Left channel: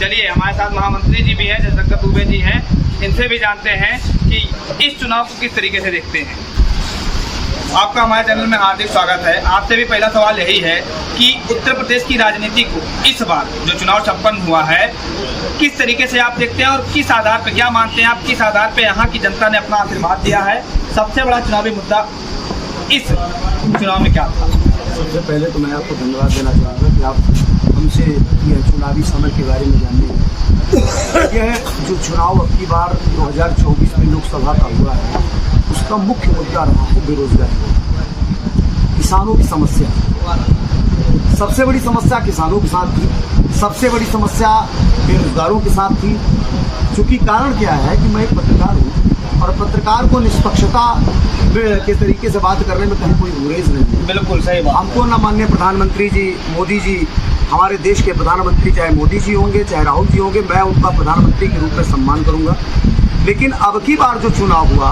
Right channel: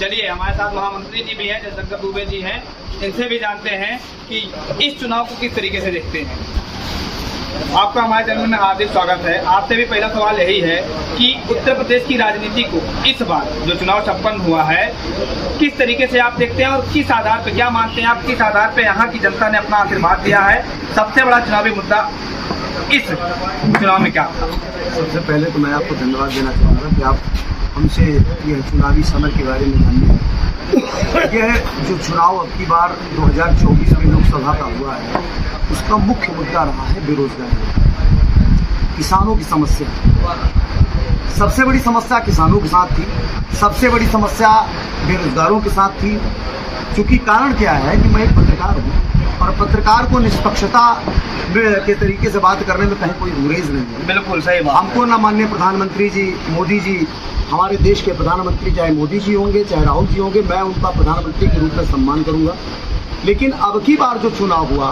चलिए हमारे साथ महामंत्री जी भी हैं, जयशंकर दुबे जी हैं, इनसे भी जानते हैं कि इस चुनाव को किस तरीके से देखते हैं। आपका हमारे चैनल में हार्दिक स्वागत है। आपसे भी पहला सवाल यही है कि उत्तर प्रदेश की राजनीति को इस बार जो चुनाव संपन्न हुआ है किस तरीके से आप देखते हैं और किस आधार पर, क्या मानते हैं आप, किस आधार पर यहाँ की जनता ने अपना आशीर्वाद दिया है? सबसे बड़ा चुनावी मुद्दा इस चुनाव में क्या था? सबसे पहले तो मैं आपको धन्यवाद देना चाहूँगा कि आप हमसे ये चुनावी समर के बारे में जानने। यह जो चुनाव अब की बार 2024 में लोकसभा का हुआ है, उसका मुख्य मुद्दा रहा है बेरोजगारी, किसानों की समस्या। सबसे बड़ी समस्या किसानों के साथ थी, सबसे बड़ी समस्या बेरोजगारों के साथ थी। क्योंकि कारण क्या है कि मैं एक पत्रकार हूँ और पत्रकार को निष्पक्षता के तरीके से बात करने में कहीं कोई गुरेज नहीं है। बिल्कुल सही बात। हमको ना माननीय प्रधानमंत्री जी मोदी जी, हमारे देश के प्रधानमंत्री चाहे मोदी जी होंगे चाहे राहुल जी होंगे, मैं उनका प्रधानमंत्री के रूप में सम्मान करूंगा। लेकिन अब की बार जो चुनाव हुआ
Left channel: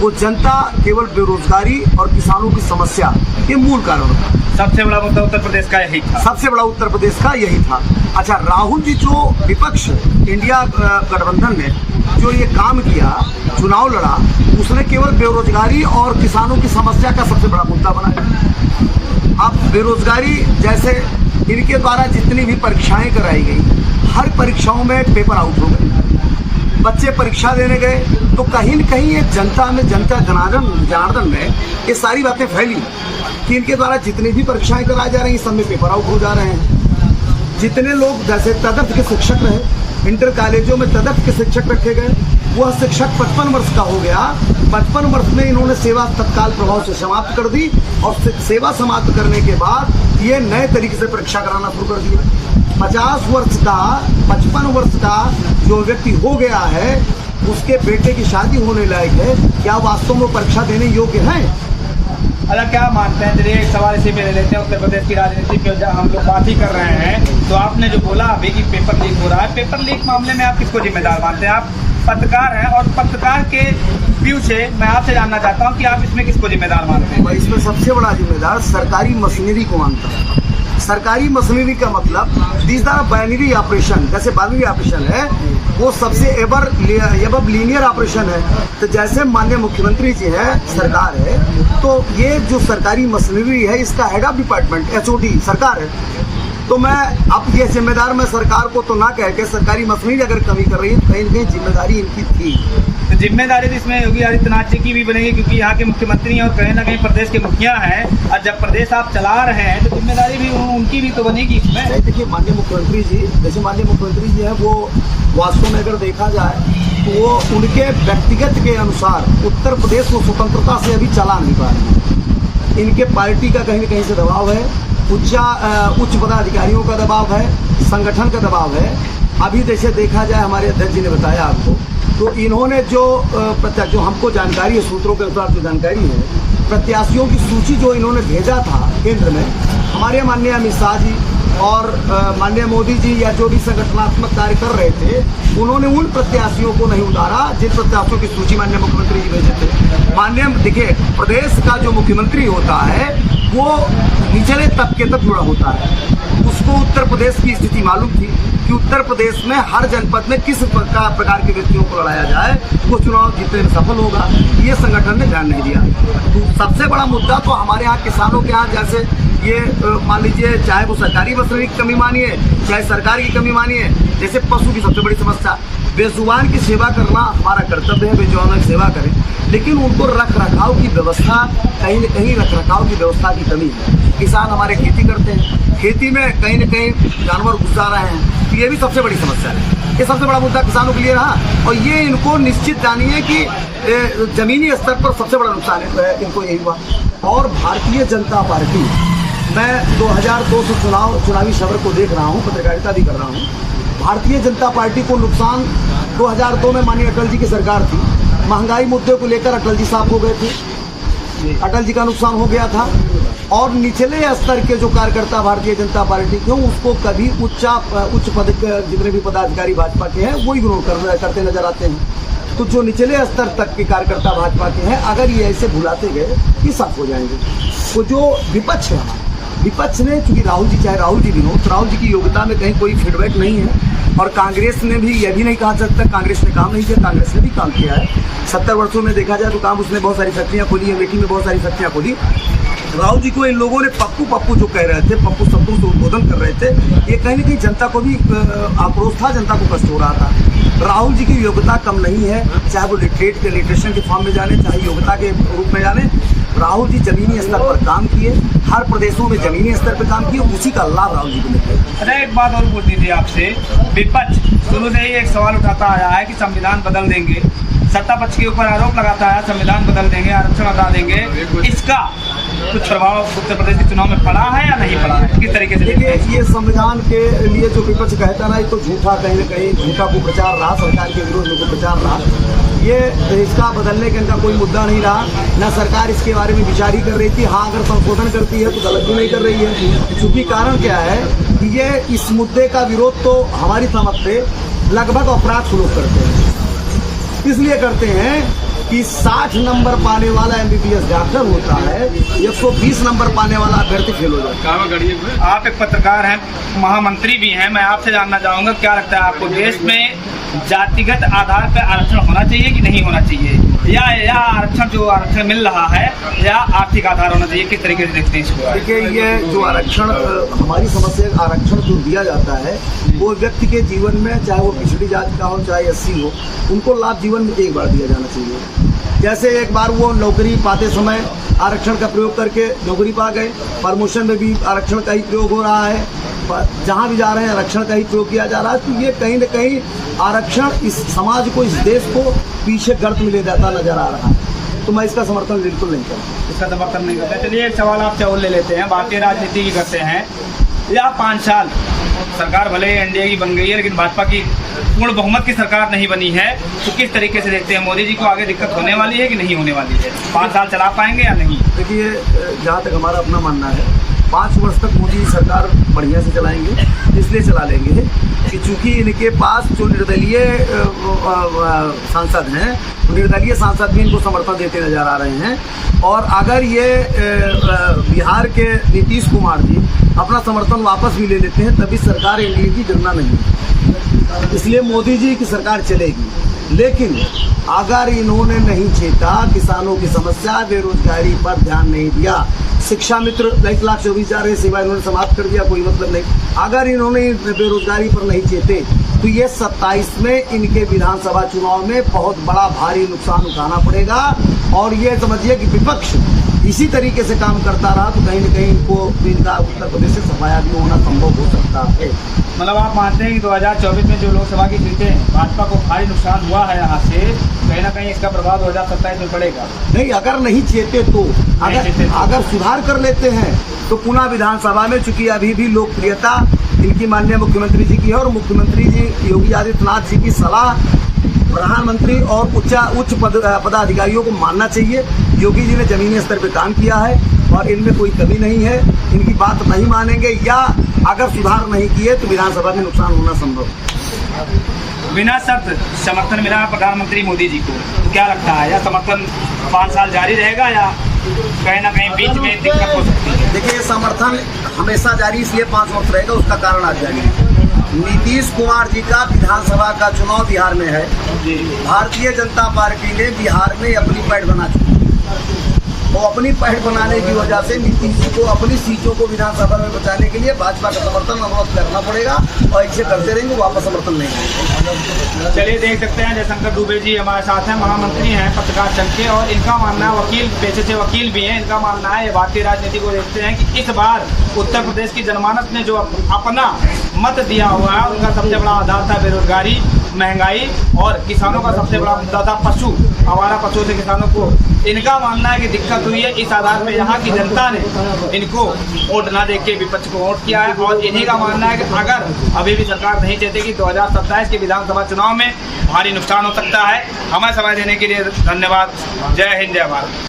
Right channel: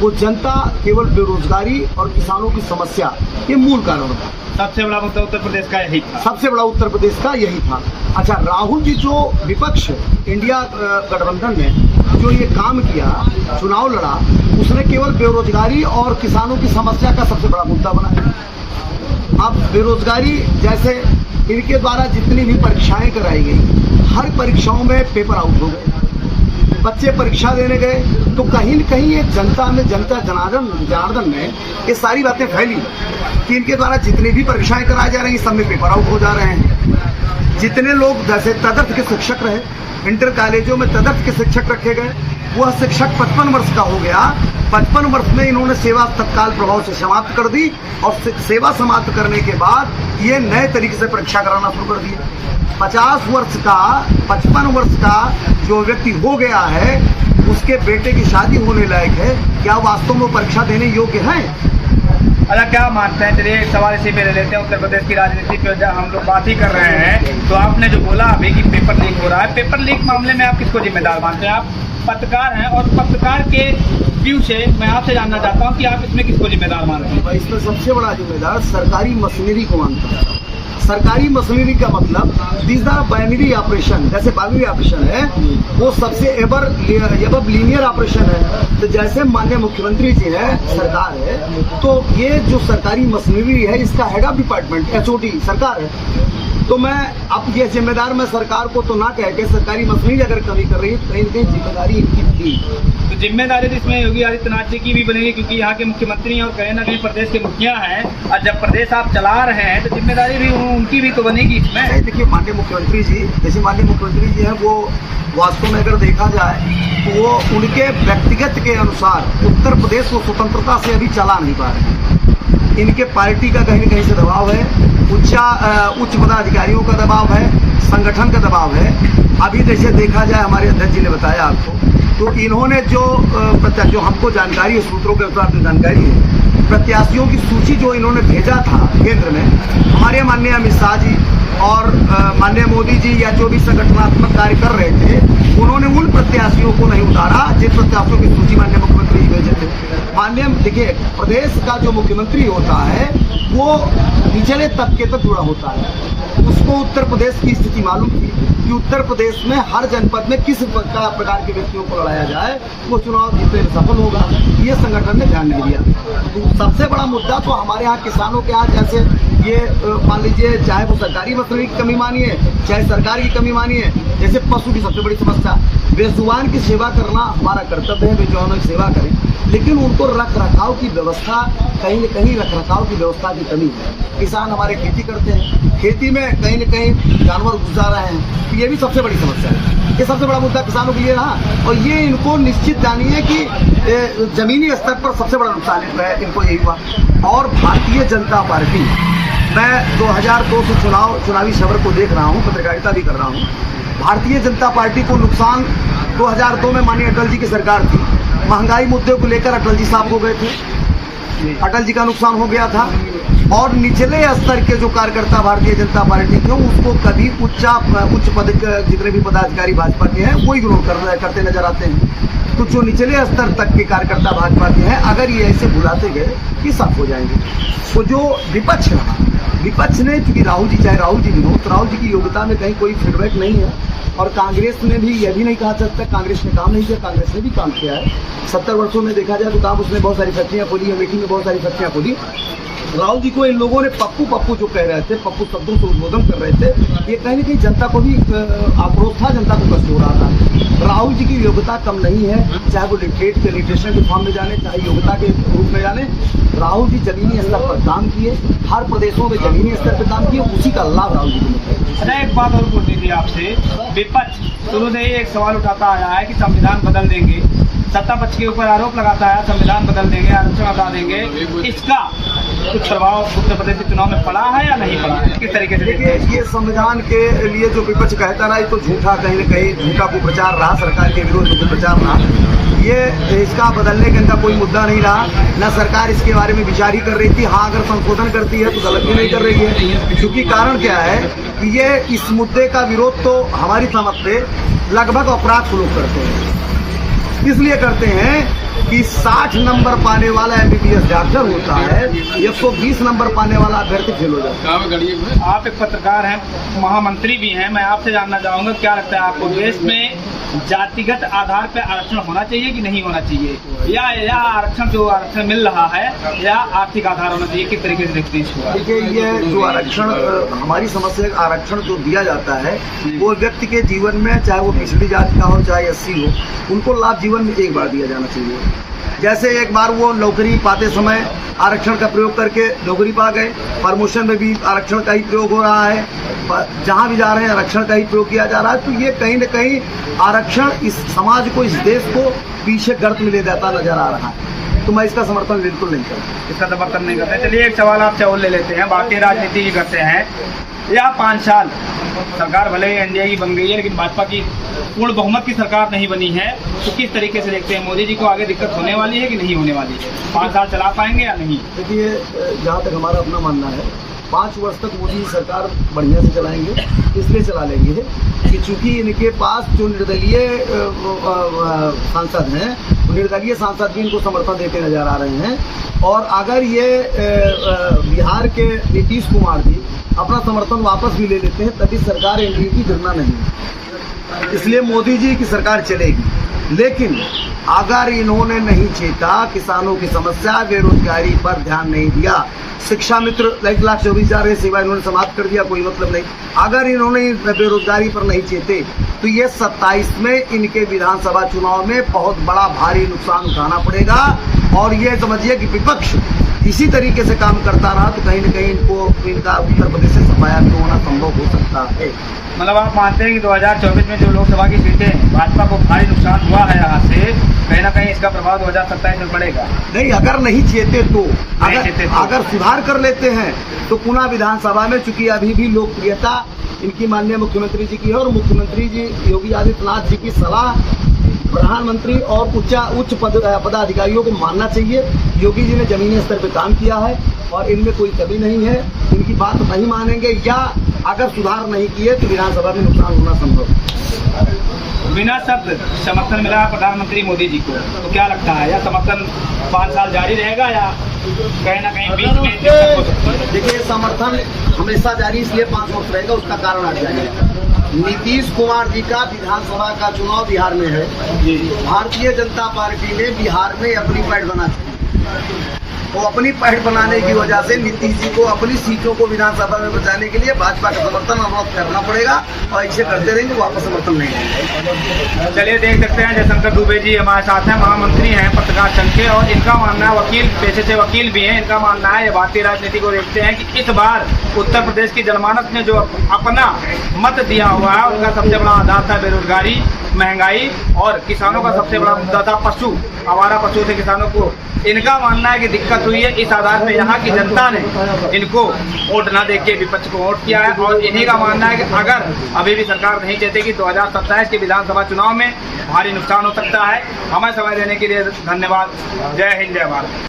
वो जनता केवल बेरोजगारी और किसानों की समस्या ये मूल कारण था। सबसे बड़ा मुद्दा उत्तर प्रदेश का यही था। सबसे बड़ा उत्तर प्रदेश का यही था। अच्छा, राहुल जी जो विपक्ष इंडिया गठबंधन ने जो ये काम किया, चुनाव लड़ा, उसने केवल बेरोजगारी और किसानों की समस्या का सबसे बड़ा मुद्दा बनाया। अब बेरोजगारी, जैसे इनके द्वारा जितनी भी परीक्षाएं कराई गई, हर परीक्षाओं में पेपर आउट हो गए, बच्चे परीक्षा देने गए तो कहीं न कहीं ये जनता में, जनता जनार्दन में ये सारी बातें फैली कि इनके द्वारा जितनी भी परीक्षाएं कराई जा रही हैं सब में पेपर आउट हो जा रहे हैं। जितने लोग जैसे तदर्थ के शिक्षक रहे, इंटर कॉलेजों में तदर्थ के शिक्षक रखे गए, वह शिक्षक 55 वर्ष का हो गया। 55 वर्ष में इन्होंने सेवा तत्काल प्रभाव से समाप्त कर दी और सेवा समाप्त करने के बाद ये नए तरीके से परीक्षा कराना शुरू कर दिए। 50 वर्ष का, 55 वर्ष का जो व्यक्ति हो गया है, उसके बेटे की शादी होने लायक है, क्या वास्तव में परीक्षा देने योग्य है? अच्छा, क्या मानते हैं? चलिए एक सवाल इसी पे ले लेते हैं। उत्तर प्रदेश की राजनीति पे जब हम लोग बात ही कर रहे हैं तो आपने जो बोला अभी कि पेपर लीक हो रहा है, पेपर लीक मामले में आप किसको जिम्मेदार मानते हैं? आप पत्रकार हैं और पत्रकार के व्यू से मैं आपसे जानना चाहता हूं कि आप इसमें किसको जिम्मेदार मानते हैं? मैं इसमें सबसे बड़ा जिम्मेदार सरकारी मशीनरी को मानता हूँ। सरकारी मशीनरी का मतलब दिस आर बाइनरी ऑपरेशन, जैसे बाइनरी ऑपरेशन है वो सबसे एबव लीनियर ऑपरेशन है। तो जैसे माननीय मुख्यमंत्री जी हैं, सरकार है, तो ये जो सरकारी मशीनरी है इसका हेड ऑफ डिपार्टमेंट HOD सरकार है। तो मैं अब ये जिम्मेदार, मैं सरकार को तो ना कह के सरकारी मशीनरी अगर कमी कर रही है तो कहीं न कहीं जिम्मेदारी इनकी थी। तो जिम्मेदारी तो इसमें योगी आदित्यनाथ जी की भी बनेगी, क्योंकि यहाँ के मुख्यमंत्री और कहीं ना कहीं प्रदेश के मुखिया हैं, और जब प्रदेश आप चला रहे हैं तो जिम्मेदारी भी उनकी भी तो बनेगी इसमें। देखिए, माननीय मुख्यमंत्री जी, जैसे माननीय मुख्यमंत्री जी हैं, वो वास्तव में अगर देखा जाए तो वो उनके व्यक्तिगत के अनुसार उत्तर प्रदेश को स्वतंत्रता से अभी चला नहीं पा रहे हैं। इनके पार्टी का कहीं न कहीं से दबाव है, उच्च पदाधिकारियों का दबाव है, संगठन का दबाव है। अभी जैसे देखा जाए, हमारे अध्यक्ष जी ने बताया आपको, तो इन्होंने जो हमको जानकारी है, सूत्रों के अनुसार जो जानकारी है, प्रत्याशियों की सूची जो इन्होंने भेजा था केंद्र में, हमारे माननीय अमित शाह जी और माननीय मोदी जी या जो भी संगठनात्मक कार्य कर रहे थे, उन्होंने उन प्रत्याशियों को नहीं उतारा जिन प्रत्याशियों की सूची माननीय मुख्यमंत्री जी भेजे थे। माननीय, देखिए, प्रदेश का जो मुख्यमंत्री होता है वो निचले तबके तक जुड़ा होता है। उसको उत्तर प्रदेश की स्थिति मालूम थी कि उत्तर प्रदेश में हर जनपद में किस प्रकार के व्यक्तियों को लड़ाया जाए, वो चुनाव जीतने में सफल होगा। ये संगठन ने ध्यान नहीं दिया। तो सबसे बड़ा मुद्दा तो हमारे यहाँ किसानों के यहाँ, जैसे ये मान लीजिए, चाहे वो सरकारी मशीनरी की कमी मानिए चाहे सरकार की कमी मानिए, जैसे पशु की सबसे बड़ी समस्या, बेजुबान की सेवा करना हमारा कर्तव्य है, बेजुबानों की सेवा करें, लेकिन उनको रख रखाव की व्यवस्था, कहीं न कहीं रख रखाव की व्यवस्था की कमी है। किसान हमारे खेती करते हैं, खेती में कहीं न कहीं जानवर घुस जा रहे हैं, तो ये भी सबसे बड़ी समस्या है। ये सबसे बड़ा मुद्दा किसानों के लिए रहा और ये इनको निश्चित जानिए कि जमीनी स्तर पर सबसे बड़ा नुकसान है इनको यही हुआ। और भारतीय जनता पार्टी, मैं 2002 से चुनावी सफर को देख रहा हूँ, पत्रकारिता भी कर रहा हूँ। भारतीय जनता पार्टी को नुकसान 2002 में माननीय अटल जी की सरकार थी, महंगाई मुद्दे को लेकर अटल जी साहब हो गए थे, अटल जी का नुकसान हो गया था। और निचले स्तर के जो कार्यकर्ता भारतीय जनता पार्टी के, उसको कभी उच्च पद जितने भी पदाधिकारी भाजपा के हैं वो इग्नोर करते नजर आते हैं। तो जो निचले स्तर तक के कार्यकर्ता भाजपा के हैं, अगर ये ऐसे भुलाते गए कि साफ हो जाएंगे। तो जो विपक्ष रहा, विपक्ष ने, चूंकि राहुल जी चाहे राहुल जी भी हो, तो राहुल जी की योग्यता में कहीं कोई फीडबैक नहीं है। और कांग्रेस ने भी यह भी नहीं कहा सकता कांग्रेस ने काम नहीं किया, कांग्रेस ने भी काम किया है। 70 वर्षों में देखा जाए तो काम उसने बहुत सारी फैक्ट्रियाँ खोली, अमेठी में बहुत सारी फैक्ट्रियाँ खोली। राहुल जी को इन लोगों ने पप्पू पप्पू जो कह रहे थे, पप्पू शब्दों से उद्बोधन कर रहे थे, ये कहीं ना कहीं जनता को भी आक्रोश था, जनता को कष्ट हो रहा था। राहुल जी की योग्यता कम नहीं है, चाहे वो लिटरेशन के फॉर्म में जाने, चाहे योग्यता के रूप में जाने। राहुल जी जमीनी स्तर पर काम किए, हर प्रदेशों में जमीनी स्तर पर काम किए, उसी का लाभ राहुल जी को मिलता है। अच्छा, एक बात और पूछनी थी आपसे। विपक्ष शुरू से ही एक सवाल उठाता आया है कि संविधान बदल देंगे, सत्ता पक्ष के ऊपर आरोप लगाता है संविधान बदल देंगे, आरक्षण हटा देंगे। इसका कुछ प्रभाव उत्तर प्रदेश के चुनाव में पड़ा है या नहीं पड़ा है, किस तरीके से? देखिए, ये संविधान के लिए जो विपक्ष कहता रहा, ये तो झूठा, कहीं न कहीं झूठा को प्रचार रहा, सरकार के विरोध में को प्रचार रहा। ये इसका बदलने का इनका कोई मुद्दा नहीं रहा, न सरकार इसके बारे में विचार ही कर रही थी। हाँ, अगर संशोधन करती है तो गलत भी नहीं कर रही है, क्योंकि कारण क्या है कि ये इस मुद्दे का विरोध तो हमारी समझ से लगभग अपराध लोग करते हैं। इसलिए करते हैं कि 60 नंबर पाने वाला MBBS डॉक्टर होता है, 120 नंबर पाने वाला अभ्यर्थी फेल हो जाता है। आप एक पत्रकार हैं, महामंत्री भी हैं, मैं आपसे जानना चाहूँगा, क्या लगता है आपको, देश में जातिगत आधार पर आरक्षण होना चाहिए कि नहीं होना चाहिए, या आरक्षण जो आरक्षण मिल रहा है या आर्थिक आधार होना चाहिए, किस तरीके से देखते हैं इसको? देखिए, ये जो आरक्षण, हमारी समस्या, आरक्षण जो दिया जाता है वो व्यक्ति के जीवन में, चाहे वो पिछड़ी जाति का हो चाहे SC हो, उनको लाभ जीवन में एक बार दिया जाना चाहिए। जैसे एक बार वो नौकरी पाते समय आरक्षण का प्रयोग करके नौकरी पा गए, प्रमोशन में भी आरक्षण का ही प्रयोग हो रहा है, जहाँ भी जा रहे हैं आरक्षण का ही प्रयोग किया जा रहा है। तो ये कहीं न कहीं आरक्षण इस समाज को, इस देश को पीछे गर्त में ले जाता नजर आ रहा है। तो मैं इसका समर्थन बिल्कुल नहीं करता, इसका समर्थन नहीं करते। चलिए, एक सवाल आपसे और ले लेते हैं। भारतीय राजनीति की करते हैं, या 5 साल सरकार भले NDA की बन गई है, लेकिन भाजपा की पूर्ण बहुमत की सरकार नहीं बनी है, तो किस तरीके से देखते हैं मोदी जी को आगे दिक्कत होने वाली है कि नहीं होने वाली है? 5 साल चला पाएंगे या नहीं? देखिए, जहाँ तक हमारा अपना मानना है, 5 वर्ष तक मोदी सरकार बढ़िया से चलाएंगे। इसलिए चला लेंगे कि चूंकि इनके पास जो निर्दलीय सांसद हैं, निर्दलीय सांसद भी इनको समर्थन देते नजर आ रहे हैं। और अगर ये बिहार के नीतीश कुमार जी अपना समर्थन वापस भी ले लेते हैं, तभी सरकार NDA की गिरना नहीं। इसलिए मोदी जी की सरकार चलेगी। लेकिन अगर इन्होंने नहीं चेता किसानों की समस्या, बेरोजगारी पर ध्यान नहीं दिया, शिक्षा मित्र 1,24,000 सेवा इन्होंने समाप्त कर दिया, कोई मतलब नहीं। अगर इन्होंने बेरोजगारी पर नहीं चेते तो ये 27 में इनके विधानसभा चुनाव में बहुत बड़ा भारी नुकसान उठाना पड़ेगा। और ये समझिए कि विपक्ष इसी तरीके से काम करता रहा तो कहीं न कहीं इनका उत्तर प्रदेश से सफाया भी होना संभव हो सकता है। मतलब आप मानते हैं कि 2024 में जो लोकसभा की सीटें भाजपा को भारी नुकसान हुआ है यहाँ से, कहीं ना कहीं इसका प्रभाव 2027 में पड़ेगा? नहीं, अगर नहीं चेते तो, अगर सुधार कर लेते हैं तो पुनः विधानसभा में, चूंकि अभी भी लोकप्रियता इनकी माननीय मुख्यमंत्री जी की है, और मुख्यमंत्री जी योगी आदित्यनाथ जी की सलाह प्रधानमंत्री और उच्च पदाधिकारियों को मानना चाहिए। योगी जी ने जमीनी स्तर पर काम किया है और इनमें कोई कमी नहीं है, इनकी बात नहीं मानेंगे या अगर सुधार नहीं किए तो विधानसभा में नुकसान होना संभव। बिना शर्त समर्थन मिला प्रधानमंत्री मोदी जी को, तो क्या लगता है, या समर्थन 5 साल जारी रहेगा या कहीं ना कहीं बीच में दिक्कत हो सकती है? देखिए, समर्थन हमेशा जारी इसलिए 5 वर्ष रहेगा, उसका कारण आज जारी है। नीतीश कुमार जी का विधानसभा का चुनाव बिहार में है। भारतीय जनता पार्टी ने बिहार में अपनी पैठ बना चुकी है। तो अपनी पैठ बनाने की वजह से नीतीश जी को अपनी सीटों को विधानसभा में बचाने के लिए भाजपा का समर्थन अनुरोध करना पड़ेगा, और ऐसे करते रहेंगे, वापस समर्थन नहीं होगा। चलिए, देख सकते हैं जयशंकर दुबे जी हमारे साथ हैं, महामंत्री हैं पत्रकार संघ के, और इनका मानना है, वकील पेशे से वकील भी हैं, इनका मानना है भारतीय राजनीति को देखते हैं कि इस बार उत्तर प्रदेश की जनमानस ने जो अपना मत दिया हुआ है, उनका सबसे बड़ा आधार था बेरोजगारी, महंगाई, और किसानों का सबसे बड़ा मुद्दा था पशु, आवारा पशुओं से किसानों को। इनका मानना है कि दिक्कत हुई है इस आधार पे, यहाँ की जनता ने इनको वोट ना देके विपक्ष को वोट किया है, और इन्हीं का मानना है कि अगर अभी भी सरकार नहीं चाहती कि 2027 के विधानसभा चुनाव में भारी नुकसान हो सकता है। हमें समय देने के लिए धन्यवाद। जय हिंद, जय भारत।